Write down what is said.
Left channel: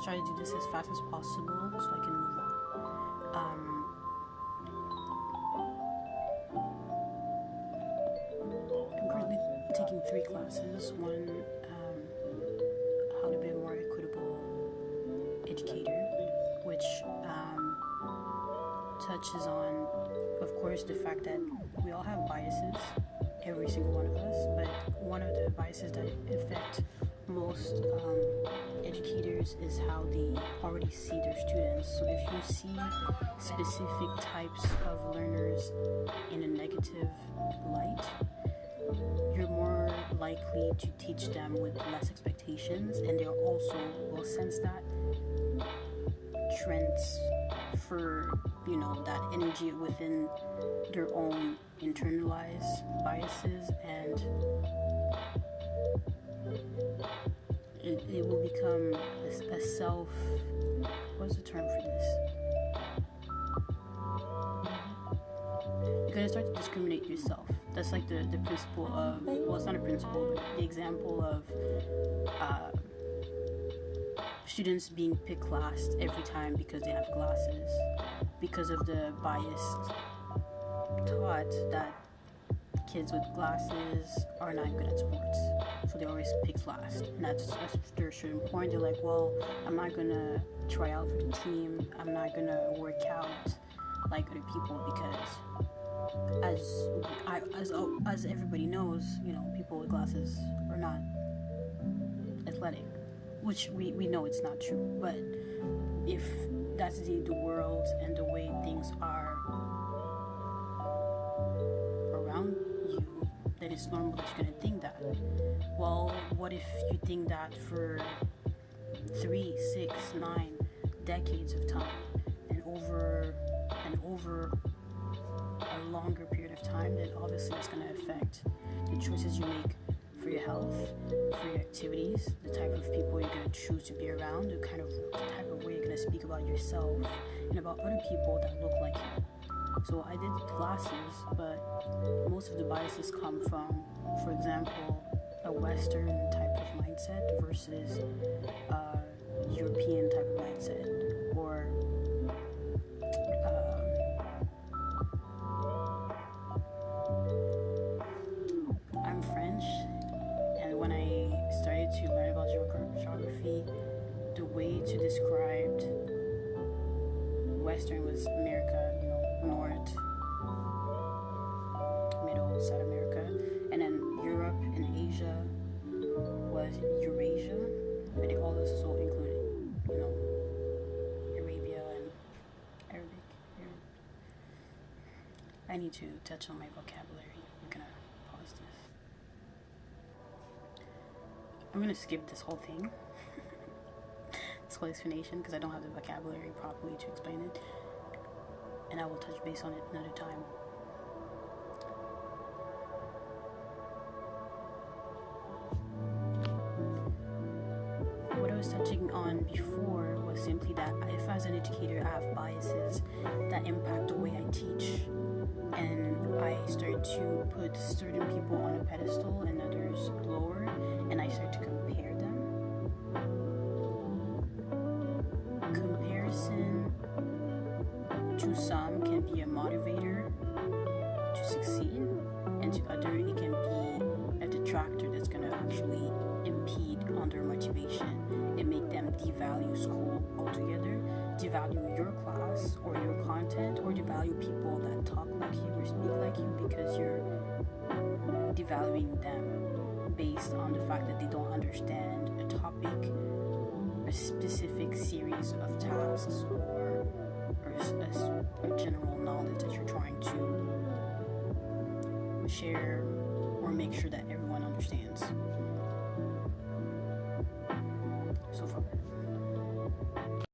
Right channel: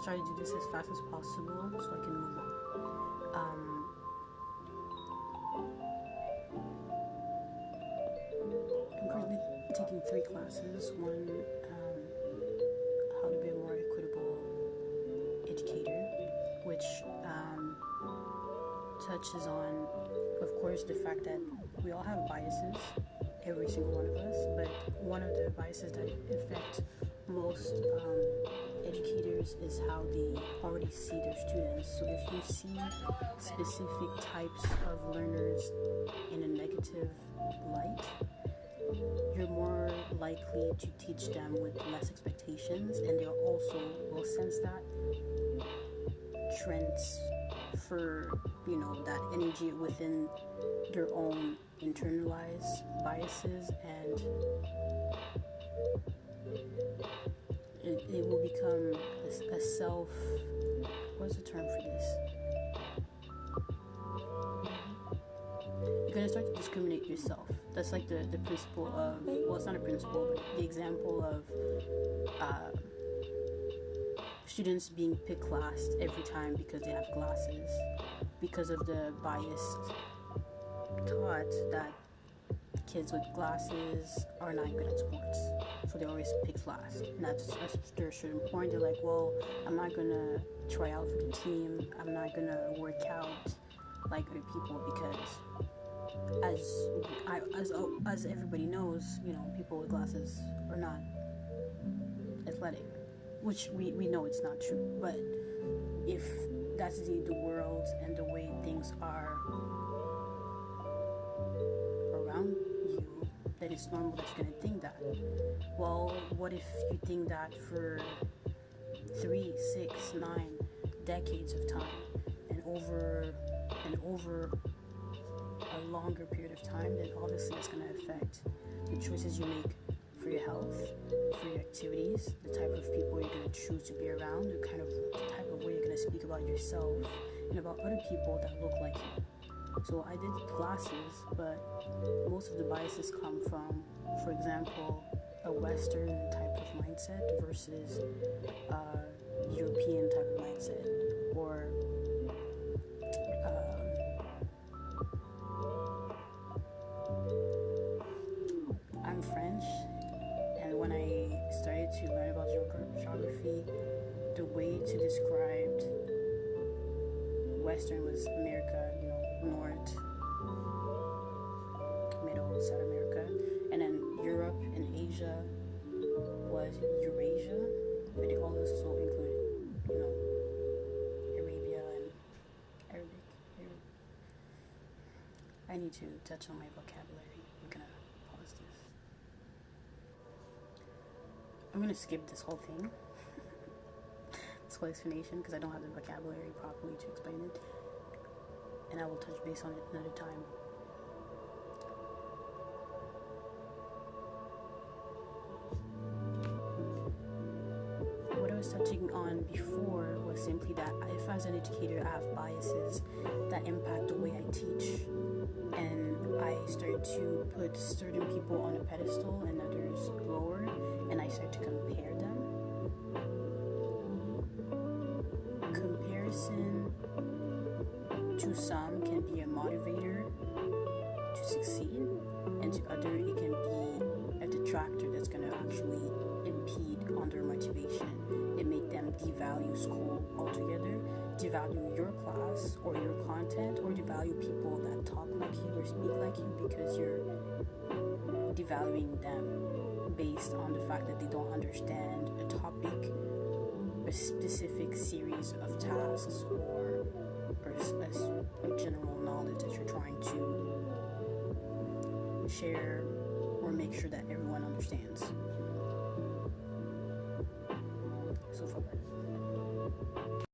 I'll try to do this as fast as possible so I can move on. I'm currently taking 3 classes. One, how to be a more equitable educator, which touches on, of course, the fact that we all have biases, every single one of us, but one of the biases that affect most educators is how they already see their students. So if you see specific types of learners in a negative light, you're more likely to teach them with less expectations, and they also will sense that, transfer, that energy within their own internalized biases, and it will become a self, what's the term for this? You're going to start to discriminate yourself. That's like the principle of, well, it's not a principle, but the example of students being picked last every time because they have glasses, because of the biased thought that kids with glasses are not good at sports, so they always picked last. And that's after a certain point, they're like, well, I'm not gonna try out for the team, I'm not gonna work out like other people, because as everybody knows, people with glasses are not athletic, which we know it's not true. But if that's the world and the way things are around you, then it's normal that you're gonna think that. Well, what if you think that for 3, 6, 9 decades of time, and over a longer period of time? Then obviously that's going to affect the choices you make for your health, for your activities, the type of people you're going to choose to be around, the type of way you're going to speak about yourself and about other people that look like you. So I did glasses, but most of the biases come from, for example, a Western type of mindset versus a European type of mindset, or I'm French, and when I started to learn about geography, the way to describe Western was America, North, Middle, South America, and then Europe and Asia was Eurasia, but it also included, Arabia and Arabic. I need to touch on my vocabulary. I'm gonna pause this. I'm gonna skip this whole thing, this whole explanation, because I don't have the vocabulary properly to explain it, and I will touch base on it another time. What I was touching on before was simply that if as an educator I have biases that impact the way I teach, and I start to put certain people on a pedestal and others lower, and I start to compare them. Comparison to some can be a motivator to succeed, and to others it can be a detractor that's going to actually impede on their motivation and make them devalue school altogether, devalue your class or your content, or devalue people that talk like you or speak like you, because you're devaluing them based on the fact that they don't understand a topic, a specific series of tasks, or a general knowledge that you're trying to share or make sure that everyone understands.